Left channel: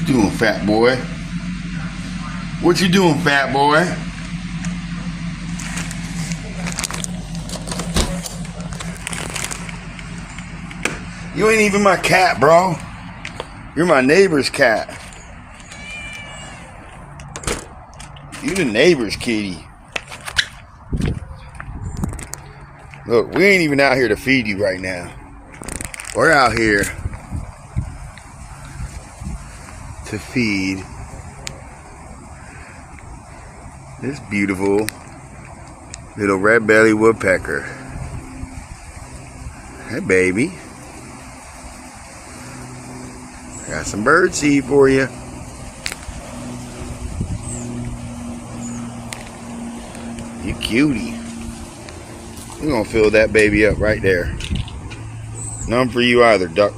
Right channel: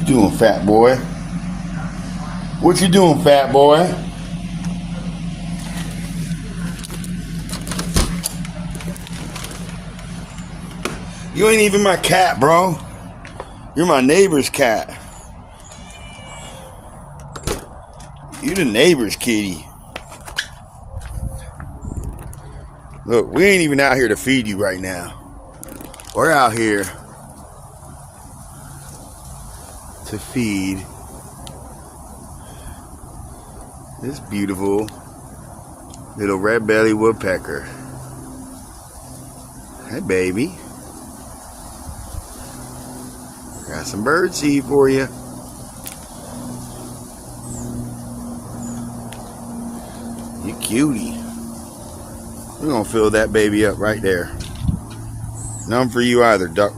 What you doing, fat boy? What you doing, fat boy? You ain't even my cat, bro. You're my neighbor's cat. You the neighbor's kitty. Look, we ain't even out here to feed you right now. We're out here to feed this beautiful little red bellied woodpecker. Hey, baby. Got some bird seed for you. You cutie. We're gonna fill that baby up right there. None for you either, duck.